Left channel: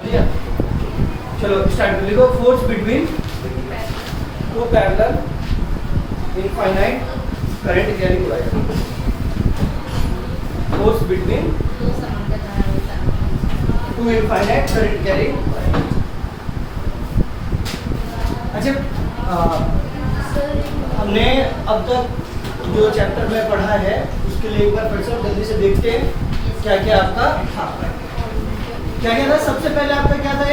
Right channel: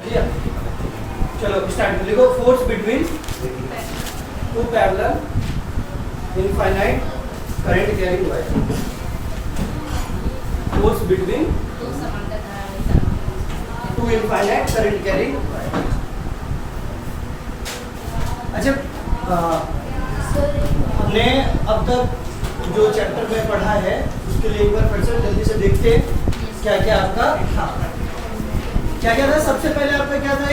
चलो स्टार्ट कर लिखो। Force between two parallel infinite current carrying wire. Force between two infinite current carrying wire. अच्छा, हमने अब तक जो चैप्टर में पढ़ा है उसके लिए एक बार फिर से जल्दी से देखते हैं क्या क्या आपका था। क्या क्या था? सबसे पहले आपका क्या था?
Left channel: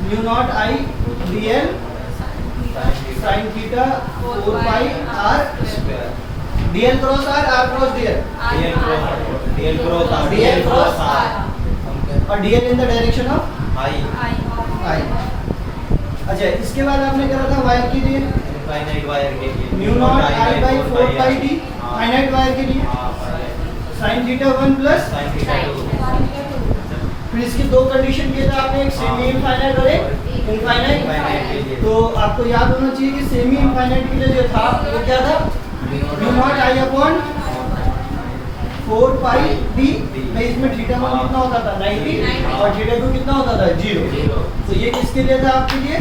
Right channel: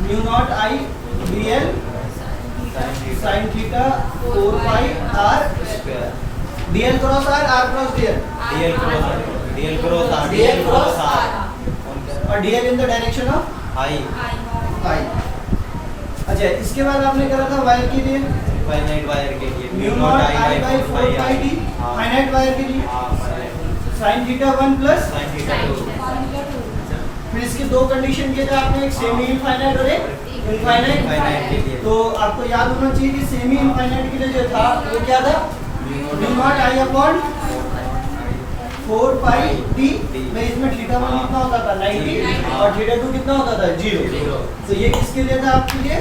Mu naught I real sine theta 4 pi r dl cross r, r cross dl, dl cross r, और dl in the direction of I. अच्छा, इसके बाद आपने करा था वायर के लिए फाइनाइट वायर के लिए mu naught I by 4 pi D finite wire के लिए sine theta 1 plus sine theta 2। फिर इसकी दो कंडीशन दिए थे आपने, एक सेमी इनफाइनाइट और एक इनफाइनाइट के लिए तो आपको याद होना चाहिए कि सेमी इनफाइनाइट के लिए जो था वो क्या था? Mu naught I upon 4 pi D में इसमें थीटा 1 कितना होता था 90 और थीटा 2 कितना होता था 0। तो ये किसके लिए था आपके लिए?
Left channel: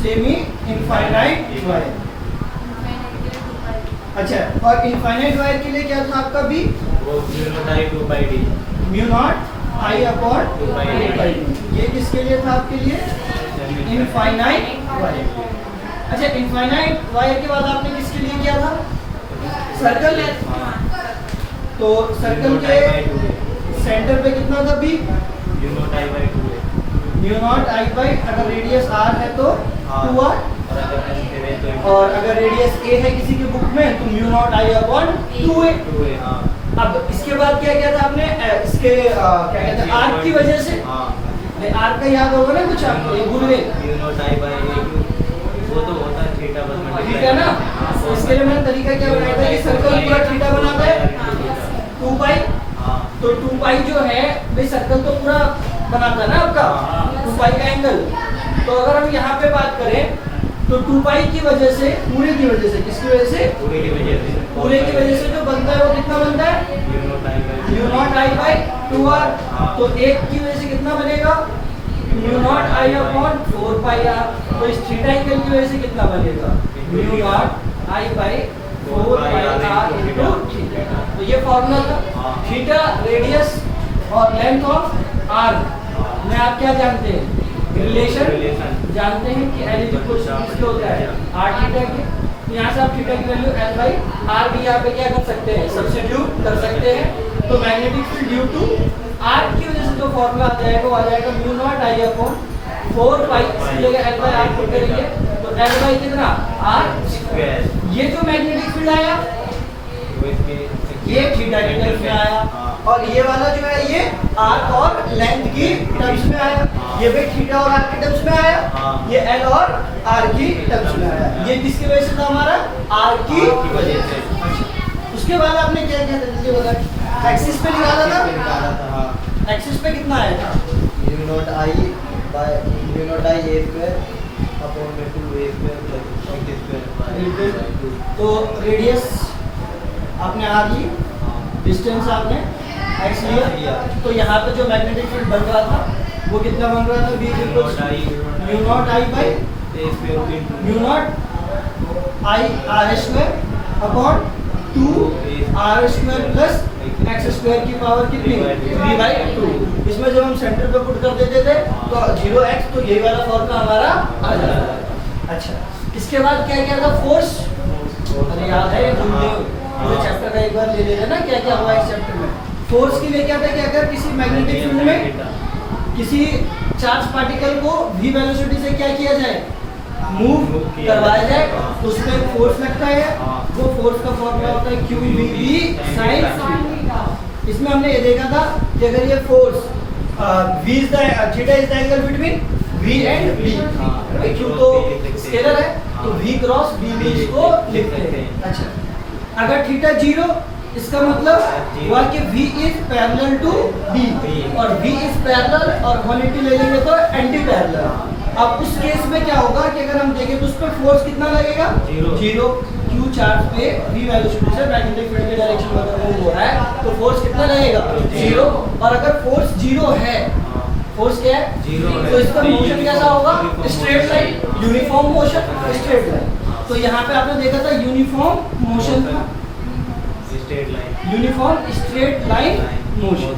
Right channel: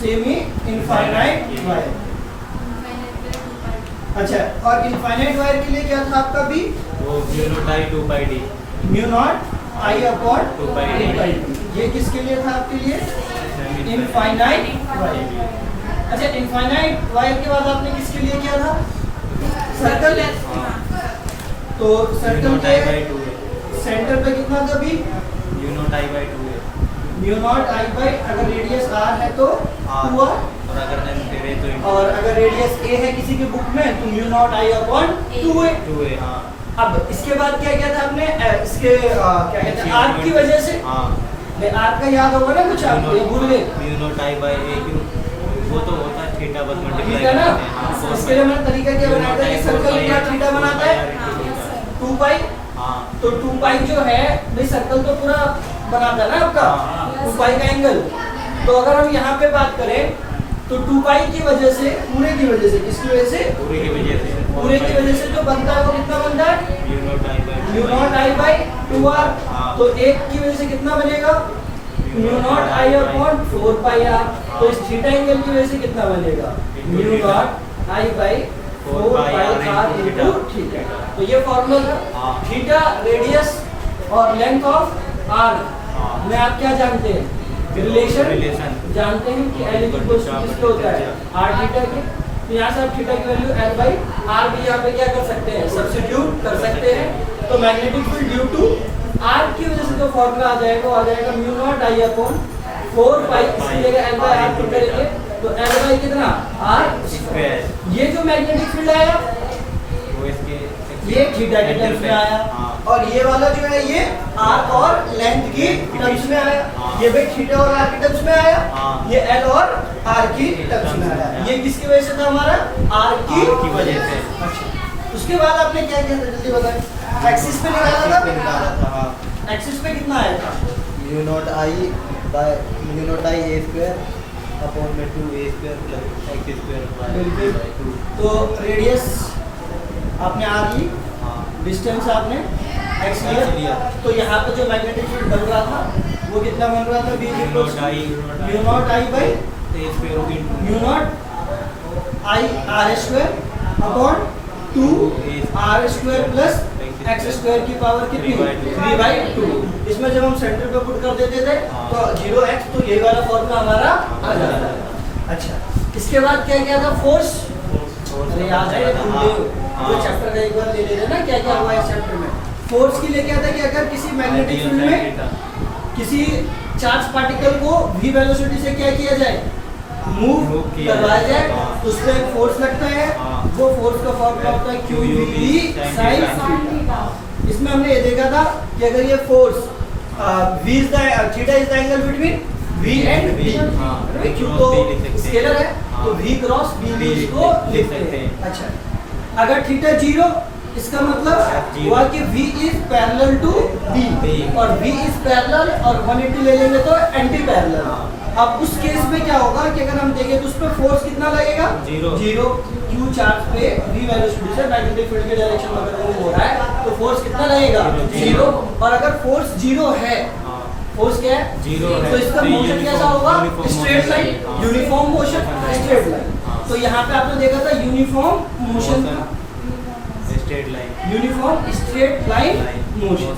Semi infinite wire. अच्छा, और इनफाइनाइट वायर के लिए क्या था आपका भी? वो mu naught I 2 pi D, mu naught I upon 2 pi D. ये किसके लिए था आपके लिए? Infinite wire. अच्छा, इनफाइनाइट वायर के बाद आपने किसके लिए किया था? सर्कल। तो सर्कल के सेंटर पे कितना था भी? म्यू नॉट आई बाई 2 है, म्यू नॉट आई बाई, अगर रेडियस आर है तो 2r, और अगर लेंथ है तो और अगर रेडियस ए है किसी के बुक में तो mu naught I upon 2a। 2 है। हाँ अब इसके बाद क्या किया था आपने? इसके क्या कहते हैं, आर्क की वजह से। हाँ आर्क का याद होगा ना कुछ आपको? ये भूल गए? Mu naught I by A Q, वो तो होता है थीटा बस ठीक मल्टीप्लाई है ना? इसके लिए मैंने तरीका क्या बनाया था कि सर्कल पूरा थीटा बनाता है 2 पाई। हाँ तो 2 पाई जो है भाई, सर्कल तो पूरा बनाता है ना आपका 2 पाई का एंगल। तो अगर हम यहाँ पे बात करें तो 2 पाई की वजह से, पूरे की वजह से, किसकी वजह से? पूरे की वजह से, पूरे की वजह से जो बनता है वो कितना बनता है? Mu naught I by 2r। तो एक की वजह से कितना बनेगा? Mu naught I upon 4 pi R. तो इस थीटा एंगल की वजह से कितना बनेगा? Mu naught I by 4 pi R into theta. तो ये फॉर्मूला था। थीटा रेडियस और लेंथ ऑफ आर में आप क्या जानते हैं? रिलेशन जानते हैं कि L इक्वल्स टू किसके होता है? r थीटा के। तो यहाँ से आप थीटा की वैल्यू L बाई आर भी यहाँ पे क्या कर सकते हैं? सब्स्टिट्यूट कर सकते हैं। तो magnetic field due to r की वजह से जो फॉर्मूला आ जाएगा वो आ जाएगा म्यू नॉट आई अपॉन 4 पाई, इसकी जगह L बाई आर पुट करेंगे तो L बाई कितना? r square. ये जो मैग्नेटिक फील्ड आया ये थीटा के टर्म्स में आया, और ये वाला जो है ये आर्क और लेंथ की टर्म्स में आया। ये भाई थीटा और आर की टर्म्स में आया, ये एल और आर की टर्म्स में आया। ये किसकी वजह से था? हमारा आर की वजह से। उसके बाद आपने क्या किया था जल्दी बताएं? एक्सिस पे निकाला था। एक्सिस पे कितना आया था? Mu naught I by mu naught I A square upon में 2a square plus x square by 2। तो रेडियस आपने आर ली, डिस्टेंस आपने एक्स लिया। तो यहाँ पे जो मैग्नेटिक फील्ड बन रहा था वो कितना बन रहा था? Mu naught I by mu naught I R square upon 2 R square plus X square की पावर कितनी? 3/2। इसमें जब हम सेंटर पे पुट कर देते थे तो 0x, तो यही वाला फॉर्मूला हमारा आ जाता है। अच्छा, इसके बाद क्या किया था? फोर्स। अरे याद है, ये भूल गए हो तो चैप्टर का एक बार ले लेना ना क्या क्या हुआ इस चैप्टर में। फोर्स के लिए क्या था कि अगर किसी मैग्नेटिक फील्ड में किसी चार्ज पार्टिकल को v वेलोसिटी से क्या किया जाए? मूव करवाया जाए, तो उस पर फोर्स लगता है। वो फोर्स का फॉर्मूला होता है QVB sin थीटा। इसमें हमने ये देखा था कि अगर ये force v is the theta is the angle between v and b। q तो स्केलर है तो v क्रॉस b इसको लिखते हैं। अच्छा, अगर थीटा 0, इसका मतलब हुआ कि v is parallel to b, और v इज पैरेलल और 180 ले लेंगे तो एंटी पैरेलल। अब उस केस में क्या होगा कि अगर हम देखें तो उस पर फोर्स कितना लगेगा? जीरो। क्यू चार्ज पे v वेलोसिटी से मैग्नेटिक फील्ड के डायरेक्शन में अगर मूव हो रहा है तो फोर्स कितना लगेगा? जीरो। और अगर फोर्स जीरो है, फोर्स क्या है? जीरो, तो इसका मोशन कैसा होगा? Straight line, uniform motion, straight line. तो यहाँ पे आपने देखा था यूनिफॉर्म मोशन था, straight line, uniform straight line motion.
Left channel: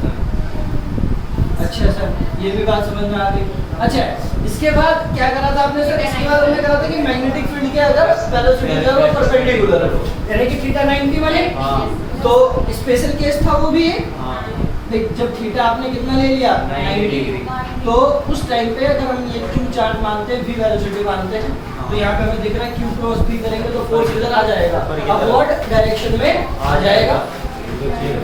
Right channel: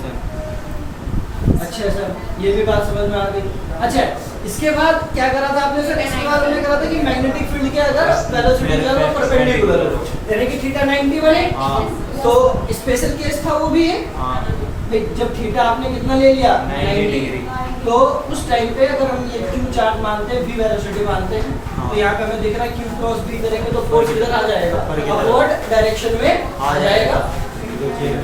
अच्छा सर, ये भी बात समझ में आ गई। अच्छा, इसके बाद क्या करा था आपने सर? इसके बाद हमने करा था कि मैग्नेटिक फील्ड के अगर वेलोसिटी अगर वो परपेंडिकुलर है, यानी कि थीटा 90 बने, तो स्पेशल केस था वो भी है। जब थीटा आपने कितना ले लिया? 90 डिग्री, तो उस टाइम पे अगर हम ये क्यू चार्ज मानते हैं, v वेलोसिटी मानते हैं, तो यहाँ पे हमें दिख रहा है क्यू क्रॉस b करेंगे तो फोर्स इधर आ जाएगा, अपवर्ड डायरेक्शन में आ जाएगा।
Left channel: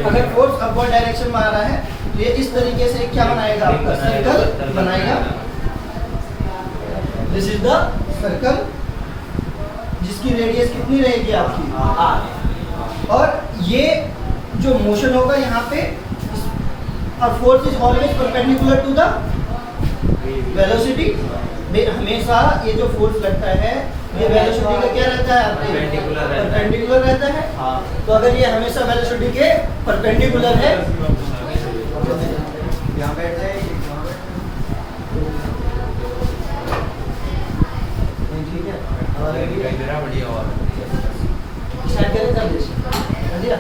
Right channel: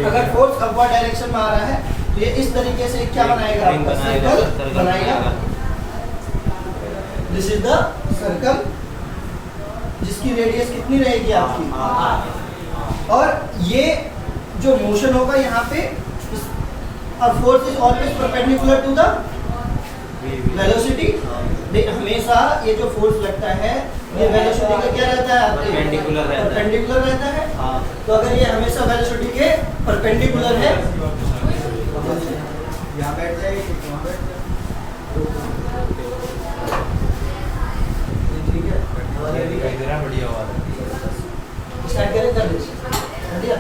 अगर फोर्स अपवर्ड डायरेक्शन में आ रहा है तो ये इस तरीके से क्या बनाएगा? आपका सर्कल बनाएगा। दिस इज द सर्कल जिसकी रेडियस कितनी रहेगी आपकी? r। और ये जो मोशन होगा यहाँ पे, और force is always perpendicular to the velocity. हमेशा ये जो फोर्स लगता है ये वेलोसिटी का क्या रहता है? परपेंडिकुलर रहता है। तो अगर ये हमेशा वेलोसिटी के परपेंडिकुलर है, यहाँ बैठ जाए, ठीक है, स्टार्ट करें कर दिया।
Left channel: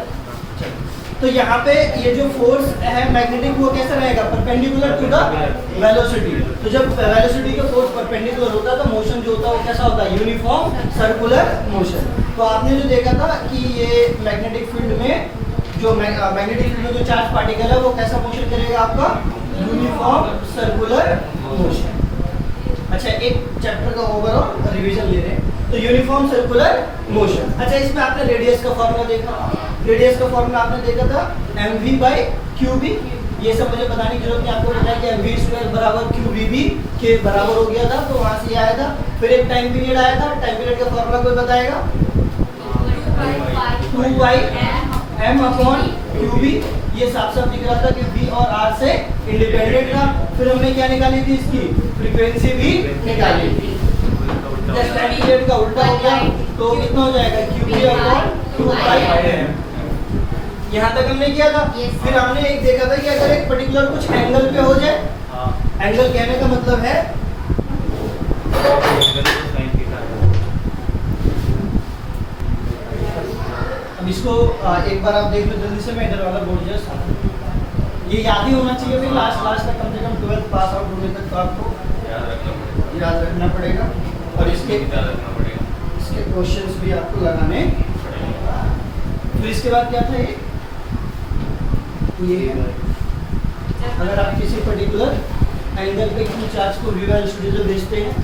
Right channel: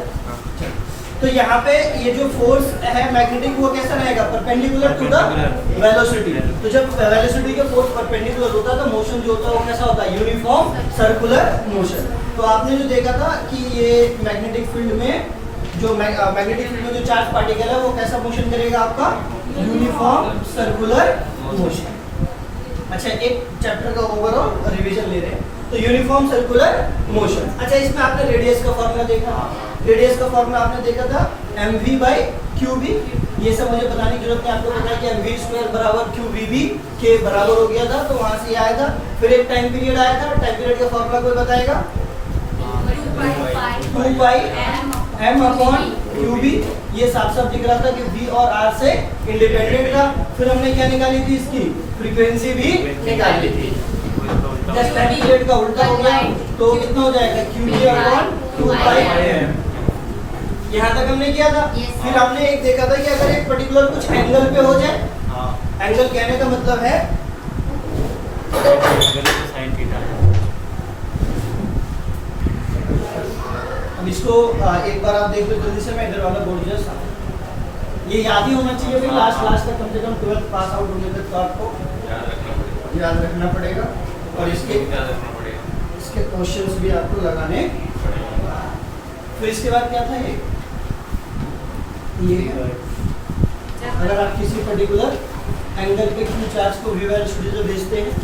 तो यहाँ पे ये जो फोर्स है मैग्नेटिक, वो कैसा रहेगा? Perpendicular to the velocity. तो जब वेलोसिटी का फोर्स परपेंडिकुलर होता है तो मोशन जो होता है वो कैसा होता है? Uniform circular motion. तो आपने जो देखा था कि ये मैग्नेटिक फील्ड में जो मैग्नेटिक फील्ड में जो चार्ज पार्टिकल है वो कैसा मोशन करेगा? आपका यूनिफॉर्म सर्कुलर मोशन। अच्छा, एक चैप्टर का ओवरऑल रिवीजन ले रहे हैं। तो यूनिफॉर्म सर्कुलर मोशन। अच्छा, इसमें आपने रेडियस का फॉर्मूला देखा, रेडियस का फॉर्मूला आपने देखा था mv/qb। ये सब मुझे बताने की जरूरत नहीं, आपको पता है कि mv² बराबर qvb के बराबर हो गया था, तो वहां से आया था। फिर एक टाइम पीरियड आया था, टाइम पीरियड का फॉर्मूला कोई बताएगा? 2/m/qb। ये साफ साफ दिख रहा था कि v और r से इंडिपेंडेंट था। फिर हमने क्या निकाली थी? इसकी फ्रीक्वेंसी भी निकाली थी। जस्ट टाइम पीरियड का उल्टा हो गया तो कितना हो जाएगा? qb/2πm। यहाँ तक हमने किया था। फिर हमने एक देखा था कि अगर एक पर्टिकुलर कुछ एंगल पे हो जाए, एंगल कहने का मतलब है अब इसको एक बार आप देख लो जल्दी से। मैं इधर वाला बोर्ड जस्ट ये याद ही होना चाहिए भाई, लास्ट तक कम से कम 12th पास आउट होने तक तो आपको याद रखना पड़ेगा। और इसके क्वेश्चंस भी आपको लगाने। फिर इसके बाद क्या था? ये अगर आप किसी पर्टिकुलर एंगल पे क्यू चार्ज को v वेलोसिटी से भेजते हैं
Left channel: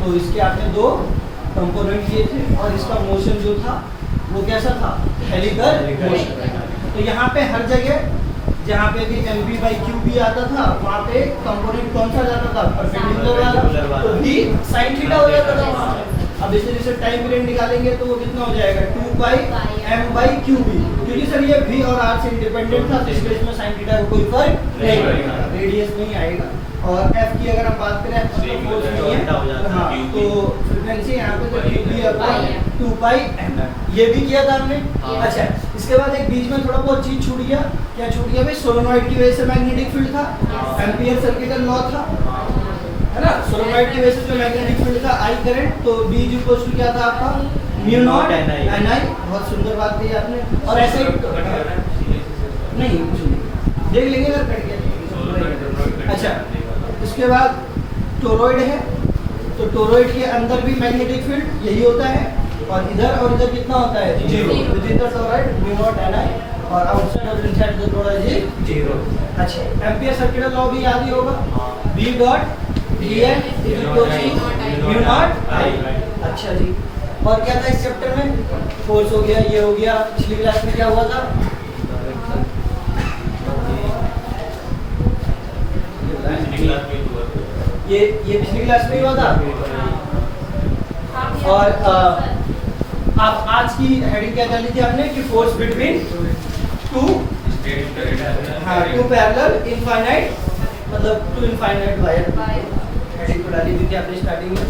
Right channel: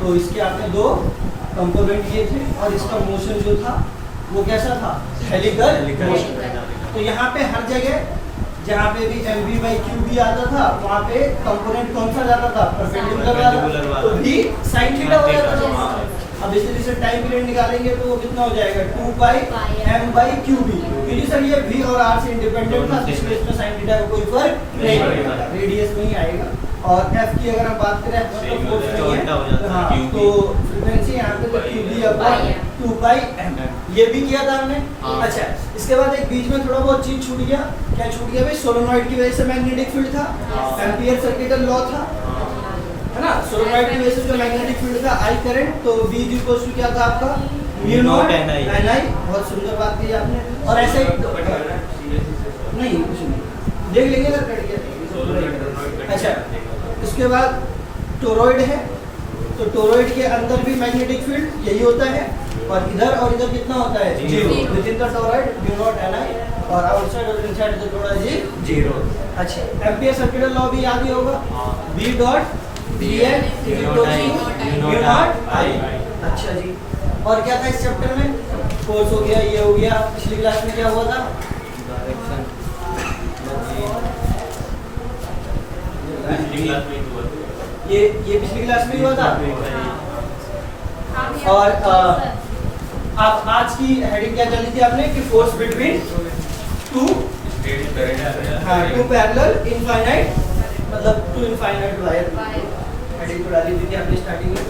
तो इसके आपने दो कंपोनेंट लिए थे और इसका मोशन जो था वो कैसा था? Helical motion. तो यहाँ पे हर जगह जहाँ पे भी mv/qb आता था वहाँ पे कंपोनेंट कौन सा जाता था? परपेंडिकुलर वाला, तो v sin थीटा हो जाता था। अब इस तरह से टाइम पीरियड निकालेंगे तो वो कितना हो जाएगा? 2/m/qb। क्योंकि सर ये v और r से इंडिपेंडेंट था, इसलिए इसमें sin थीटा का कोई फर्क नहीं पड़ेगा, रेडियस नहीं आएगा। और f की अगर हम बात करें तो फोर्स नहीं है, हाँ, तो फ्रीक्वेंसी यहाँ पे qb/2πm ये भी किया था हमने। अच्छा, इसके बाद एक बीच में थोड़ा बहुत चीज छूट गया। क्या छूट गया भाई? सोलेनॉइड की वजह से मैग्नेटिक फील्ड था, एम्पियर सर्किट का लॉ था, है ना। सोलेनॉइड की वजह से जो मैग्नेटिक फील्ड था I करंट, तो B इक्वल्स टू क्या था आपका? μ0 ni। बहुत सुंदर बात कही आपने। और ऐसे ही नहीं कुछ नहीं, देख लेंगे अगर कट गया। अच्छा, इसके बाद टोरॉइड है, तो टोरॉइड के अंदर भी मैग्नेटिक फील्ड यही होता है, और इधर कितना होता है? Zero. Within the toroid μ0 ni, और आउटसाइड और inside the toroid is zero. अच्छा, एम्पियर सर्किट लॉ भी याद ही होगा, B dot dn is equal to μ0 I। अच्छा जी, और क्या था इस चैप्टर में? फोर्स हो गया, ये हो गया। पिछली क्लास में क्या हुआ था? ये पिछली क्लास में हुआ था। और आप आज की हेडिंग क्या डाली थी आपने कि force between two parallel infinite, मतलब टू इनफाइनाइट वायर। हेडिंग को डाली थी आपने स्टार्टिंग में।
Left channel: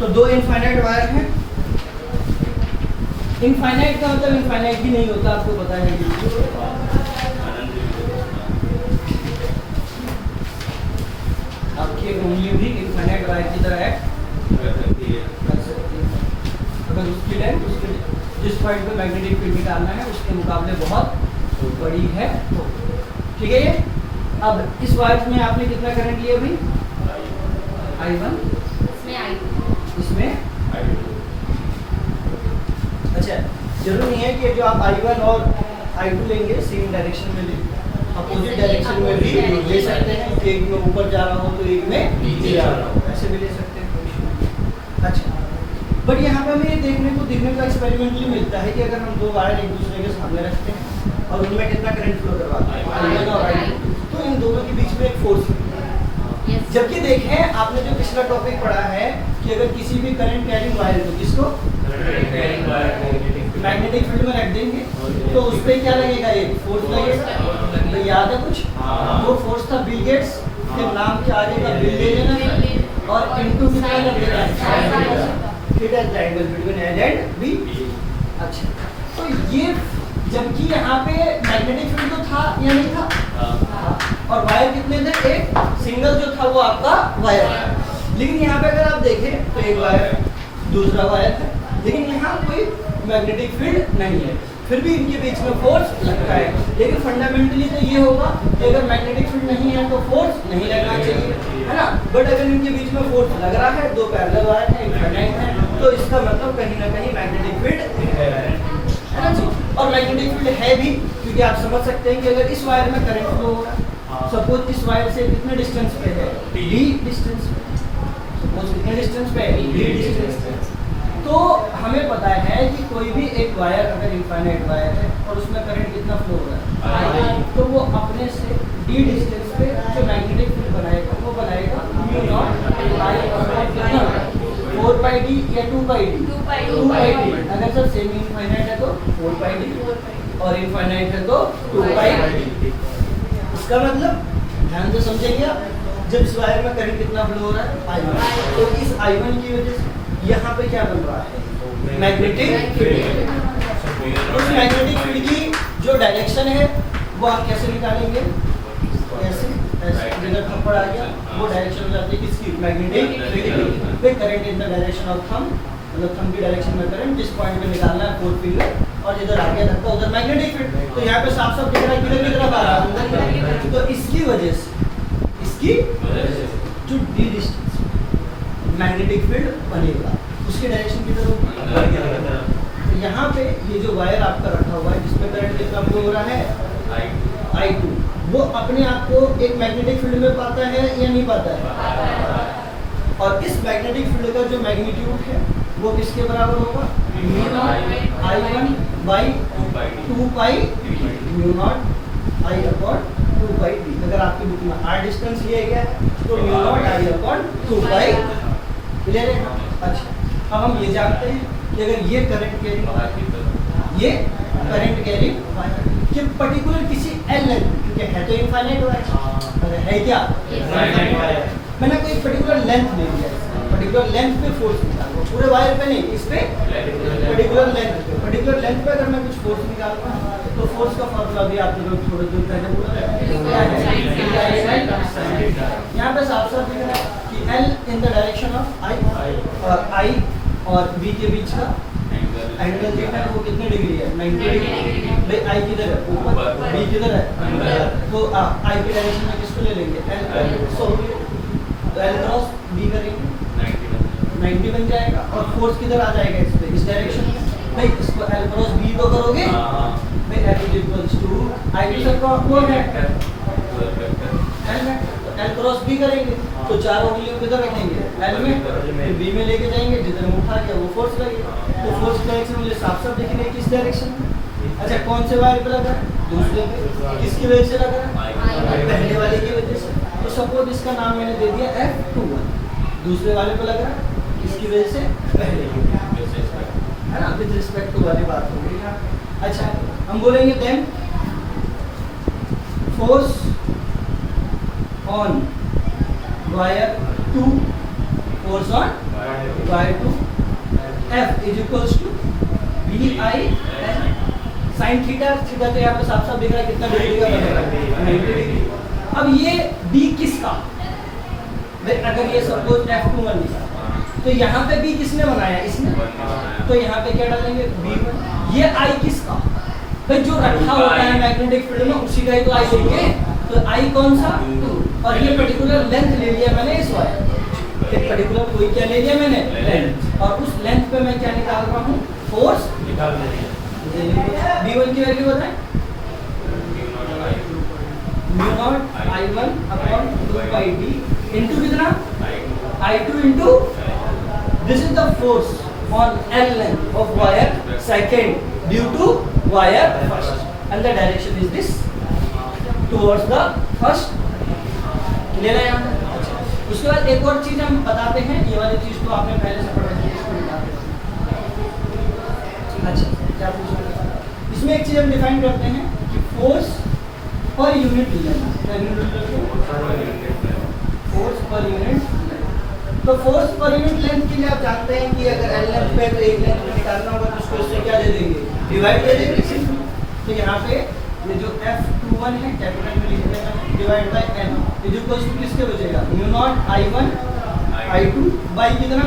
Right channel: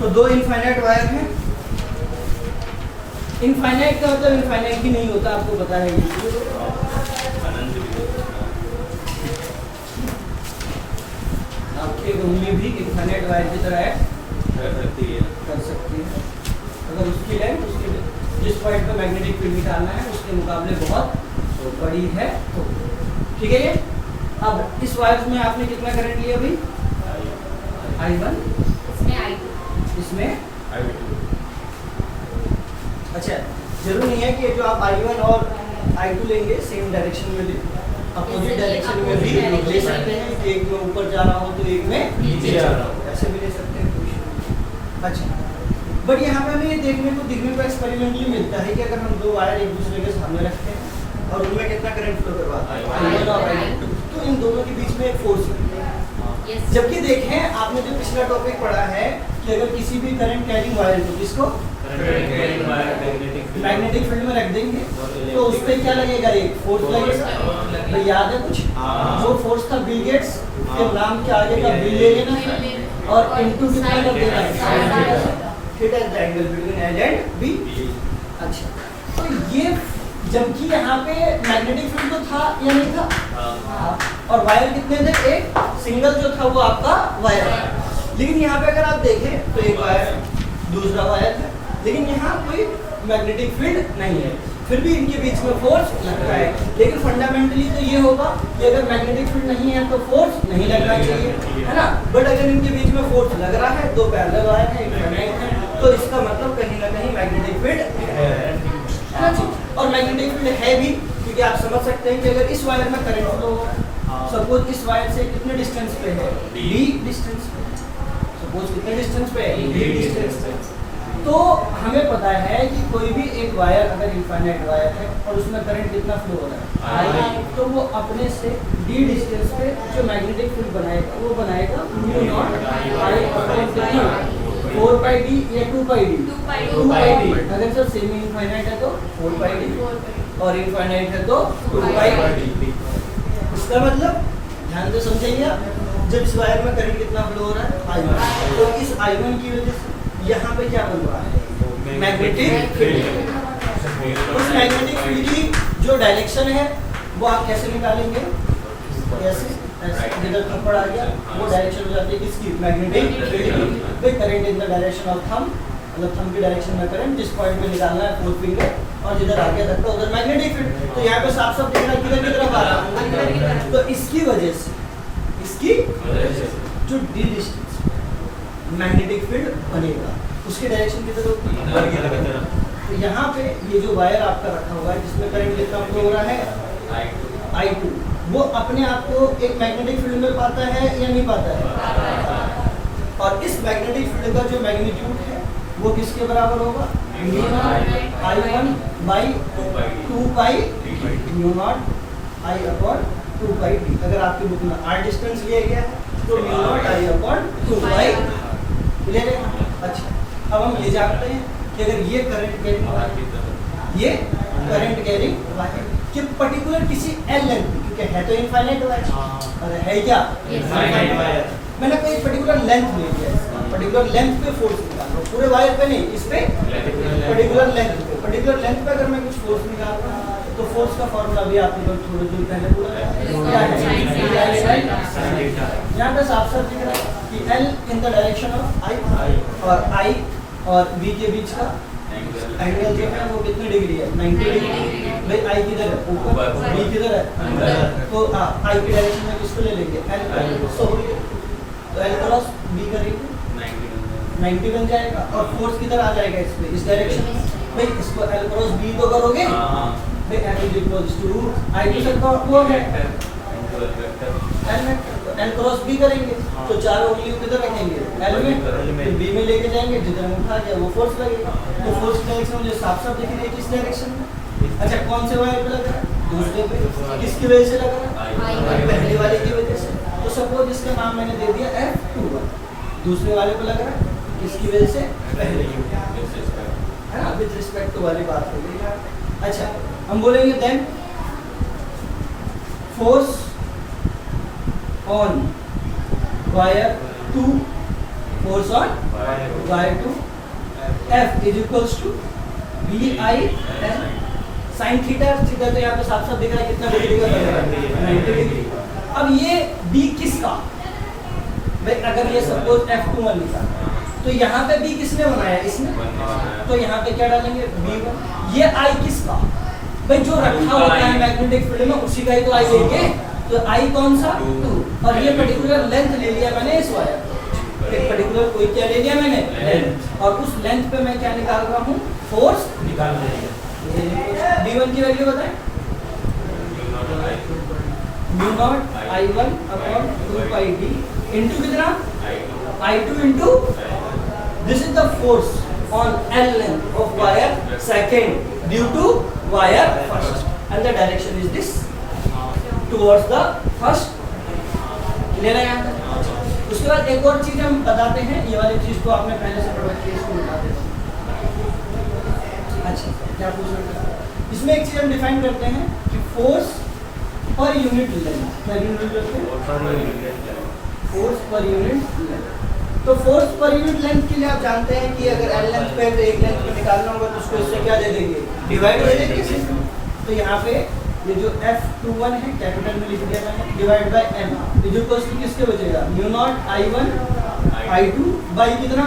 तो दो इनफाइनाइट वायर हैं। इनफाइनाइट का मतलब इनफाइनाइट भी नहीं होता, आपको पता है। आपकी उंगली भी इनफाइनाइट वायर की तरह है, कर सकती है अगर उसकी लेंथ उसके जिस पॉइंट पे मैग्नेटिक फील्ड निकालना है उसके मुकाबले बहुत बड़ी है तो। ठीक है। ये अब इस वायर में आपने कितना करंट लिया अभी? I1, इसमें अच्छा, जरूरी नहीं है कि जो आप I1 और I2 लेंगे सेम डायरेक्शन में भी, अपोजिट डायरेक्शन में भी ले सकते हैं। एक में ऊपर जा रहा हो तो एक में नीचे जा रहा हो, ऐसे भी ले सकते हैं, कोई इशू नहीं। अच्छा, बट यहाँ पे हमें ये देखने को एक्सपेरिमेंटली मिलता है कि अगर हम दो वायर एक दूसरे के सामने रखते हैं और उनमें कितना करंट फ्लो करवाते हैं, I1 और I2, तो इन दोनों के बीच में एक फोर्स है। जबकि देखें आपने जो पिछला टॉपिक पढ़ा है कि अगर किसी भी करंट कैरिंग वायर को किसको मैग्नेटिक फील्ड में रख देंगे तो उस पर क्या लगेगा? एक फोर्स लगेगा। तो याद है कुछ? जो फोर्स था बिल गेट्स के नाम के आगे का बिल ले लेना और इनटू कितना कर देना है, theta is the angle between A and B। अच्छा, तो ये जबकि यहाँ पे मैग्नेटिक फील्ड तो था या नहीं था? और वायर कितने थे? एक सिंगल जो था वो आपका वायर है। लेकिन यहाँ पे अगर आप देखें तो एक वायर दूसरा वायर है, लेकिन यहाँ कोई मैग्नेटिक फील्ड नहीं है, फिर भी इनके बीच में फोर्स लगता है। लेकिन फंडामेंटली तो ये होगा कि अगर मैग्नेटिक फील्ड नहीं है तो फोर्स नहीं लगना चाहिए, है ना। बट अगर इनके बीच में फोर्स लग रहा है, दो पैरेलल वायर है, इनफाइनाइट है, तो इसका मतलब कहीं ना कहीं मैग्नेटिक फील्ड है ना जी। और मैग्नेटिक फील्ड है भी क्योंकि आप समझ सकते हैं कि अगर इस वायर में करंट फ्लो हो, सपोज इस वायर से कितने डिस्टेंस पे है? d डिस्टेंस पे। सपोज कितने डिस्टेंस पे है? d डिस्टेंस पे। तो हमें पता है कि कोई भी एक वायर अगर इनफाइनाइट वायर है और उसमें करंट कितना फ्लो हो रहा है I, तो वो अपने से d डिस्टेंस पे जो मैग्नेटिक फील्ड बनाएगा वो बनाएगा म्यू नॉट I और कितना 4 पाई d या 2 पाई d? 2 pi d। अगर सर सेमी इनफाइनाइट है तो 4 पाई d और इनफाइनाइट है तो 2 पाई d। इसका मतलब ध्यान से समझेंगे आप, जब इस वायर में करंट कितना फ्लो हो रहा है I1, तो इस I1 की वजह से यहाँ पे क्या बन रहा है? Magnetic field. उस मैग्नेटिक फील्ड की जो डायरेक्शन है वो आप कैसे निकालेंगे? कैसे? जिधर थंब आ गया वो डायरेक्शन हो जाती है किसकी? मैग्नेटिक फील्ड की। Current in the direction of thumb, मतलब थंब की डायरेक्शन में करंट जिस पॉइंट पे निकालना है फोर्थ फिंगर, और जिधर आ गया धक्का उधर मैग्नेटिक फील्ड। तो यहाँ पे साफ साफ दिख रहा है किधर की तरफ आ रहा है, तो इसकी वजह से इसकी जो डी डिस्टेंस मैग्नेटिक फील्ड बनेगा उसकी डायरेक्शन किधर होगी? तो यहाँ पे ये जो वायर आपका रखा हुआ है जिसमें करंट कितना फ्लो हो रहा है I2, वो अपने आप को एक मैग्नेटिक फील्ड में पाता है या नहीं पाता है? और इस मैग्नेटिक फील्ड का जो मैग्नीट्यूड है वो किसके बराबर होगा? Mu naught I1 by 2 pi mu naught I upon 2 pi d। अगर आपकी बुक में r डिस्टेंस लिया गया है तो म्यू नॉट I अपॉन 2 पाई ले रहे हैं। अच्छा, अब हम ये जानते हैं कि अगर ये करंट कैरिंग ये करंट कैरिंग कि पर्टिकुलर किसी एल लेंथ, क्योंकि है तो इनफाइनाइट वायर, है क्या इनफाइनाइट वायर, मैंने कोई पर्टिकुलर लेंथ ले लिया है, पर्टिकुलर लेंथ पे फोर्स निकाल रहा हूँ, पूरे वायर पे नहीं, इस पे पर्टिकुलर लेंथ पे, पर्टिकुलर लेंथ पे अगर मैं कुछ फोर्स निकाल रहा हूँ तो फोर्स का फॉर्मूला भी आपको लोग थोड़ा दूर पहले बोला है। यहाँ पे साफ साफ दिख रहा है कि L in the direction of I और V के बीच का एंगल जो है वो कितने डिग्री है? 90 डिग्री। भाई I किधर है? ऊपर, V किधर है? तो I की डायरेक्शन में किसको ले लेंगे? L। सो तो L क्रॉस V करेंगे 90 बन जाएगा और फोर्स किधर आ जाएगा? इस पे, इस डायरेक्शन में। भाई इसको L क्रॉस V तो करोगे, भाई F is equals to I की सबका कौन है? L क्रॉस B करेंगे तो चारों उंगलियों किधर रखेंगे? L में, तो B में लेके जाएंगे, जिधर हम उठा गया वो फोर्स लगेगा। तो फोर्स की डायरेक्शन मुझे साफ साफ दिख रही है किस डायरेक्शन में। अच्छा, कौन से वायर पे लगा है? दूसरे पे। किसकी वजह से लगा है? पहले वाले की वजह से। तो सपोज इसका नाम मैंने दे दिया F21, दूसरे वाले पे लगा है किसकी वजह से? पहले की, है ना। विद रिस्पेक्ट टू वाली बात हो गई ना। अच्छा, हम बोलेंगे then force on wire 2, force on wire 2 F is equals to BI sine theta. Theta तो यहाँ पे साफ साफ दिख रहा है कितना डिग्री का बनेगा, 90 डिग्री। अब ये B किसका, भाई अगर ये सपोज F21 लिखा तो यहाँ पे B किसने बनाया, इसने, तो यहाँ पे क्या डालेंगे B1। ये I किसका, भाई जो रखा होता है मैग्नेटिक फील्ड में उसी का ही तो I लेंगे, तो I कौन सा 2, और ये पर्टिकुलर लेंथ ले लिया मैंने इस वायर, एक पर्टिकुलर कोई क्या ले लिया मैंने लेंथ, और उस लेंथ पे मैं क्या निकाल रहा हूँ, फोर्स निकाल रहे हैं। B1 की वैल्यू बताएं, mu naught I1 upon 2 pi d into कितना I2 into this is the force on L length of wire second due to wire first and the direction is this towards the first. Clear है यहाँ तक? अच्छा, उसके बाद एक और चीज हम बताते हैं, ये वाली चीज तो आपने पहले से पढ़ रखी है, इसको मिटा दें। अच्छा, क्या पूछना था इसमें, एक चीज हम डिफाइन करते हैं कि force per unit length, force per unit length. तो फोर्स पर यूनिट लेंथ के लिए आप जानते हैं कि अगर L लेंथ पे तो एक लेंथ पे निकालना होगा तो उसको इससे क्या दे देंगे, डिवाइड दे देंगे। तो यहाँ पे ये जो F21 है कैपिटल में लिख देना है, divide by M is equals to किसके बचेगा, mu naught I1 I2 by कितना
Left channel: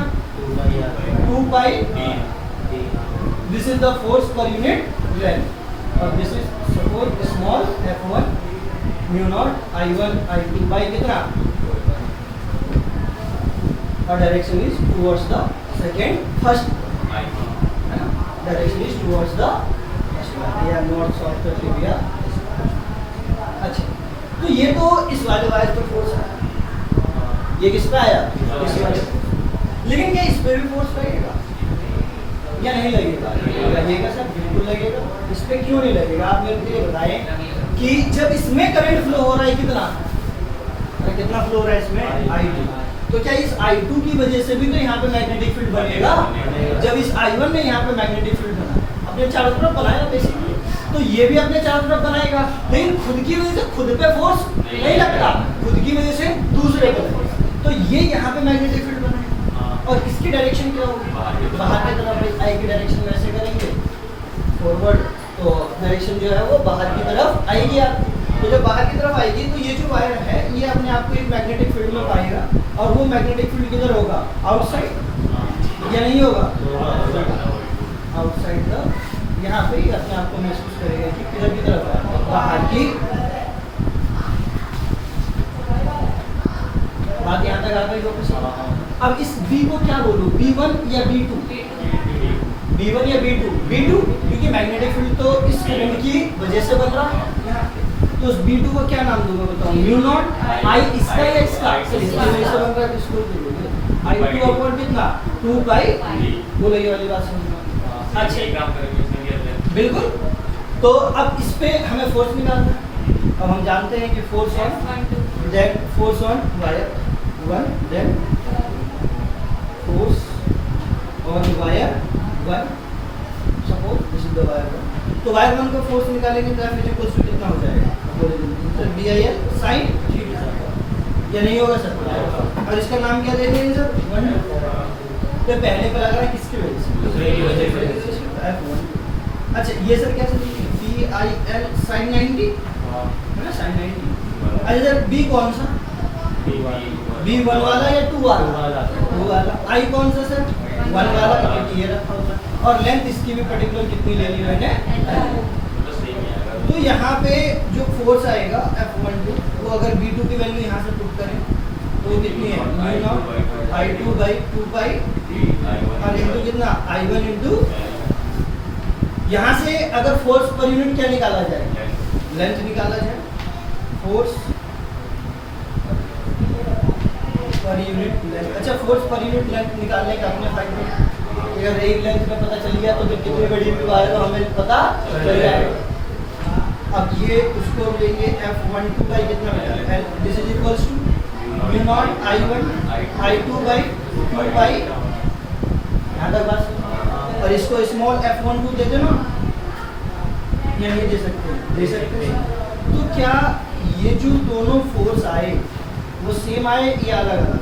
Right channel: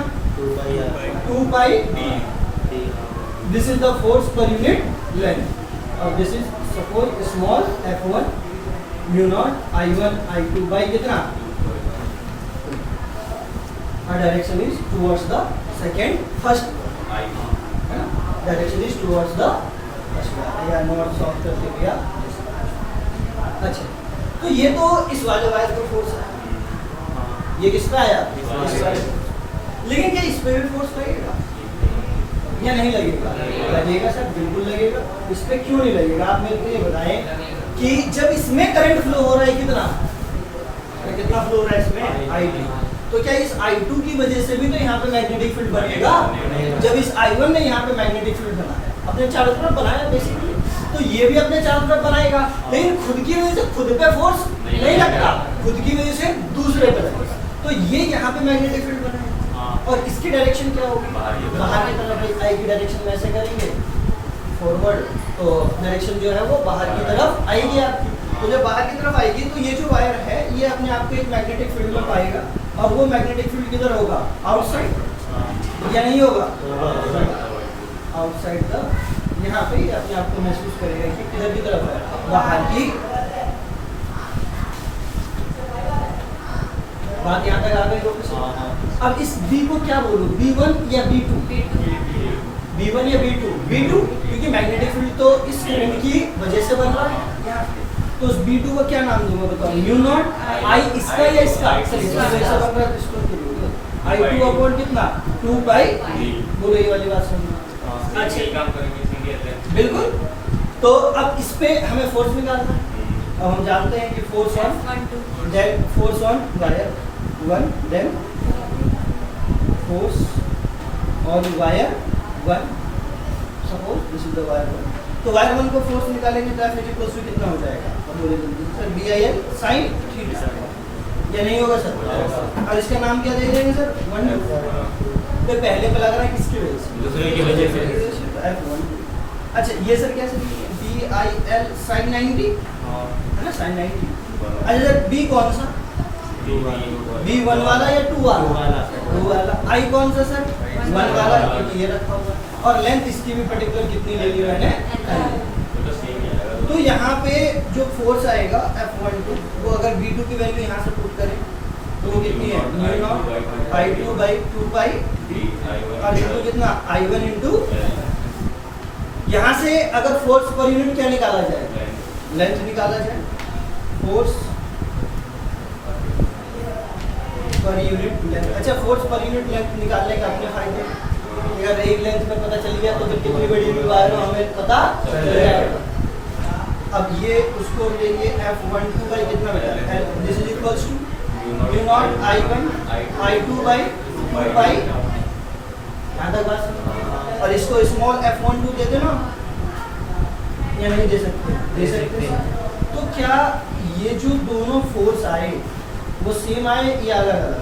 2 pi d। This is the force per unit length और this is suppose small f1 mu naught I1 I2 by कितना, और direction is towards the second first, है ना, direction is towards the या north south करके दिया। अच्छा, तो ये तो इस वाले वायर पे फोर्स है, ये किस पे आया, इस वाले, लेकिन क्या इस पे भी फोर्स लगेगा या नहीं लगेगा, लगेगा सर, बिल्कुल लगेगा। इस पे क्यों नहीं लगेगा, आप मेरे को ये बताएं कि जब इसमें करंट फ्लो हो रहा है कितना फ्लो हो रहा है इसमें I2, तो क्या इस I2 की वजह से भी तो यहाँ पे मैग्नेटिक फील्ड बनेगा, जब इस I1 ने यहाँ पे मैग्नेटिक फील्ड बना अपने चारों तरफ बनाया बेसिकली, तो ये भी अपने चारों तरफ बनाएगा, लेकिन खुद की वजह से खुद पे फोर्स नहीं लगता, खुद की वजह से दूसरे पे लगेगा, तो ये यहाँ पे मैग्नेटिक फील्ड बनाएगा। और इसकी डायरेक्शन क्या होगी, बाहर की तरफ, आई की डायरेक्शन में ऐसे करेंगे फॉरवर्ड, तो डायरेक्शन जो है वो बाहर की तरफ आएगी आपकी। तो जब बाहर की तरफ आएगी तो ये जो वायर है ये अपने आप को एक मैग्नेटिक फील्ड में पाएगा, और वो मैग्नेटिक फील्ड किधर होगा, आउटसाइड या नहीं होगा, आउटसाइड द, यहाँ पे ही अपने आप को महसूस करेगा कि किधर की तरफ है, बाहर की। बात यहाँ तक आ गई लोग। अब इस B को क्या बोलूँ, B1 या B2, B1 या B2 क्योंकि मैग्नेटिक फील्ड तो इस करंट की वजह से बन रहा है, तो उस B2 को क्या नाम दूंगा बताओ, म्यू नॉट I इसका या इसका, इसकी वजह से बन रहा है, इसको I2 अपॉन कितना 2 पाई, बोलो ये वाली बात समझना। अच्छा, बिल्कुल। तो अब इस पे हमें फोर्स निकालना है, अब हम जानते हैं कि force on wire 1, then force on wire 1, suppose this is the wire 1, तो वायर 1 को फोर्स निकालेंगे तो F इक्वल टू कितना हो जाएगा, अब बोले जल्दी सर, BIL साइन थीटा, या नहीं होगा सर, और इसका नाम क्या दे देंगे सर, 1, तो पहले पे लग रहा है किसकी वजह से, दूसरे की वजह से, F1। अच्छा, ये सर क्या सर, BIL साइन 90 है ना, साइन 90। अच्छा सर, B कौन सा, B1 वाला या 2 वाला, I कौन सा सर, 1 वाला, ये रखा होगा, और लेंथ इसकी भी पर्टिकुलर कितनी ले ली मैंने। तो यहाँ पे जो फोर्स आएगा F12, वो अगर B2 की वैल्यू यहाँ से पुट करें तो वो कितनी है, म्यू नॉट I2 बाई 2 पाई, और इनटू कितना I1 इनटू, यहाँ से अगर फोर्स पर यूनिट क्या निकाला जाए, लेंथ निकाला जाए, फोर्स पर यूनिट लेंथ। अच्छा, फोर्स पर यूनिट लेंथ निकालने का अपने फायदे, अगर एक लेंथ में पता चल गया तो फिर कितनी बड़ी भी वायर हो हमें पता चल जाएगा। अब ये उसको लेंगे F12 बाई कितना, this is equals to mu naught I1 I2 by 2 pi, यहाँ तक बात। और इसको स्मॉल f12 दे देना, या नहीं दे सकते? दे सकते हैं। तो क्या ये जो दोनों फोर्स आए वो सेम आए या अलग अलग?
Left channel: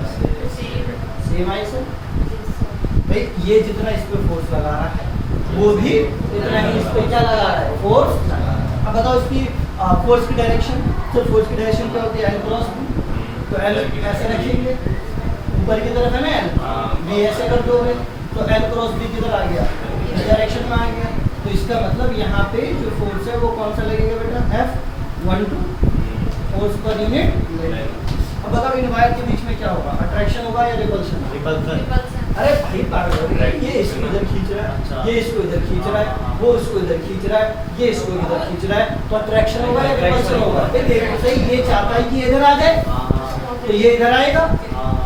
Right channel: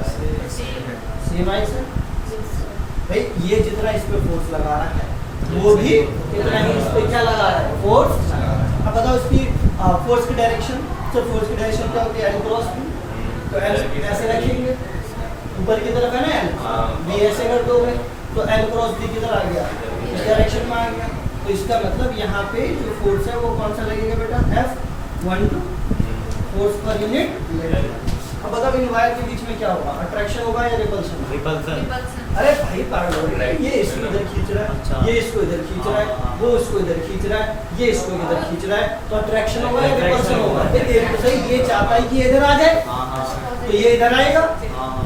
सेम आए सर। भाई ये जितना इस पे फोर्स लगा रहा है वो भी इतना ही इस पे क्या लगा रहा है? फोर्स लगा रहा है। अब बताओ इसकी फोर्स की डायरेक्शन। तो फोर्स की डायरेक्शन क्या होती है? L cross B. तो एल ऐसे रखेंगे, ऊपर की तरफ है ना एल, बी ऐसे कर दोगे तो एल क्रॉस बी किधर आ गया? इस डायरेक्शन में आ गया। तो इसका मतलब यहाँ पे जो फोर्स है वो कौन सा लगेगा बेटा? F12 force per unit. अब बताओ इन वायर के बीच में क्या होगा? अट्रैक्शन होगा या रिपल्शन? रिपल्सन। अरे भाई पागल हो गए, ये इसको इधर खींच रहा है, ये इसको इधर खींच रहा है, वो इसको इधर खींच रहा है, ये इसको इधर खींच रहा है, तो अट्रैक्शन होगा या रिपल्शन होगा? ये देखो सही, ये चाहता है कि ये इधर आ जाए तो ये इधर आएगा,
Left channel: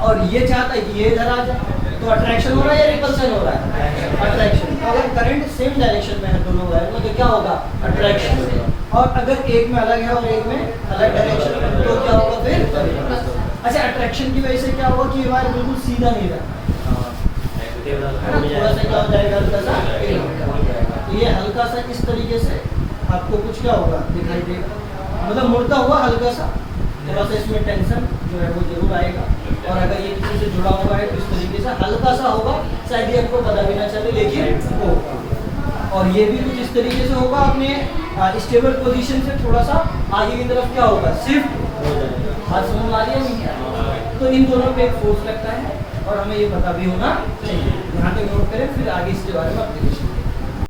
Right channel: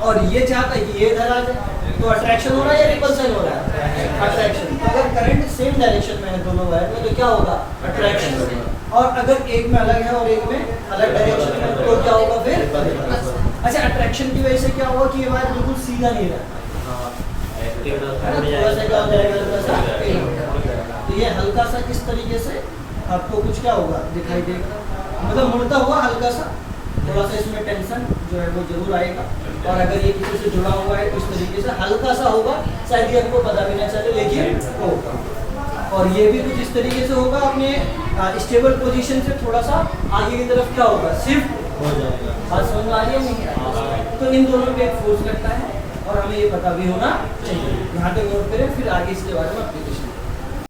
और ये चाहता है कि ये इधर आ जाए, तो अट्रैक्शन हो रहा है या रिपल्शन हो रहा है? अट्रैक्शन। तो अगर करंट सेम डायरेक्शन में है दोनों वायर में तो क्या होगा? अट्रैक्शन। और अगर एक में अलग है और एक में अलग डायरेक्शन में तो क्या होगा फिर? अच्छा, अट्रैक्शन की वजह से क्या होगा कि ये वायर बिल्कुल सीधा नहीं रहता है ना, थोड़ा सा क्या हो जाएगा? हल्का सा टेढ़ा हो जाएगा। तो ये हल्का सा इस तरीके से आपको कुछ क्या होगा? दिखाई देगा, मतलब मुड़ता हुआ हल्का सा, थोड़ा सा इसमें टेंशन जो है वो जरूर आएगा। और अगर ये किसी से जुड़ा हुआ है तो इस तरीके से हल्का सा होगा, शायद ये आपको पता भी ना चले लेकिन होगा। और ये भी कुछ इस तरीके से होगा, अपने स्टेबल पोजीशन से थोड़ा सा आगे की तरफ क्या होगा? शिफ्ट हो जाएगा। बात समझ में आ रही है नहीं आ रही? तो इन दोनों पे एक फोर्स लगता है और हमें ये पता भी होना चाहिए। यहाँ पे नोट करें, फिर आगे इसके बारे में एप्लीकेशन